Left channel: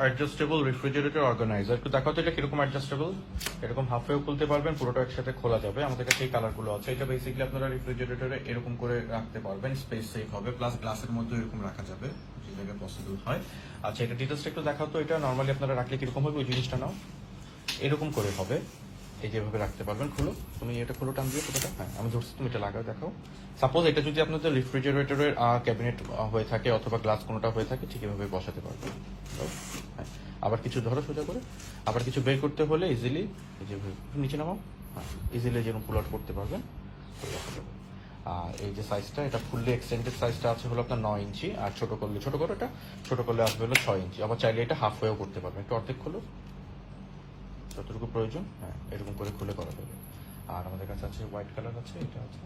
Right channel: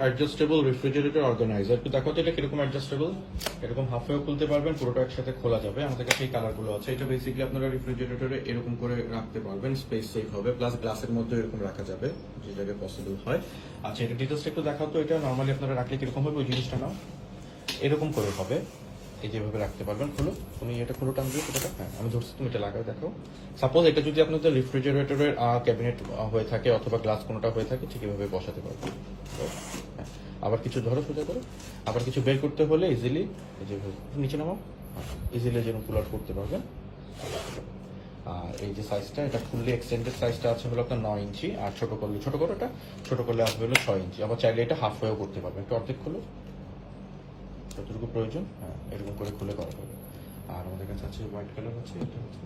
Adjustable refrigerator organiser তো দেখো তো এটা কিরকম অ্যাডজাস্টেবল, এরকম হাফ ওয়েও খুলতে পারবেন, পুরোটা একসাথে খোলা যাবে। আমাদের কাছে এই কালারগুলো আছে। এটা বেসিক্যালি আপনারা রেফ্রিজারেটরে এরকম করে রাখতে পারবেন, স্পেস সেভ হবে, প্লাস গ্লাসের মধ্যে এরকম রাখা যাবে যেভাবে পসিবল হয়। আচ্ছা, এটা ডিটেলস একটু দেখাও তো। এটা নর্মালি আপনারা রাখলে কিরকম হবে ওই জিনিসটা নাও, এরকম করে হবে, এই যেভাবে রাখতে পারবেন। খুলো, তুমি এটা খুলো, টান দিয়ে সেটা। হ্যাঁ, আমি ধরছি, তুমি এটা লাগাও। দেখো, সাপোজ এটা যদি আপনাদের রেফ্রিজারেটরের ক্যাবিনেট হয়ে থাকে অথবা গ্লাস কোনটা হয়ে থাকে, ঠিক এভাবে বসাতে পারবেন। আবার কিছু ধরো সোজা করে, আবার কিছু বের করতে হলে ইজিলি নিচে নামো, ইজিলি যেমন পুল আউট করতে পারবেন। আর এই যে সাইজটা, এটা ফুললি এক্সটেন্ডেড সাইজটা আছে হলো আপনার 9 ইঞ্চি, আর ছোট করলে এটা ছোট করলে আসবে হলো 6 ইঞ্চি। আবার চাইলে এটা হাফ ওয়েও করতে পারবেন। একটু অর্ধেক খুলো, যতটুকু প্রয়োজন, হ্যাঁ এরকম করে খুলে করা যাবে। আর আমাদের কাছে আছে হোয়াইট কালার আছে, এটা আছে।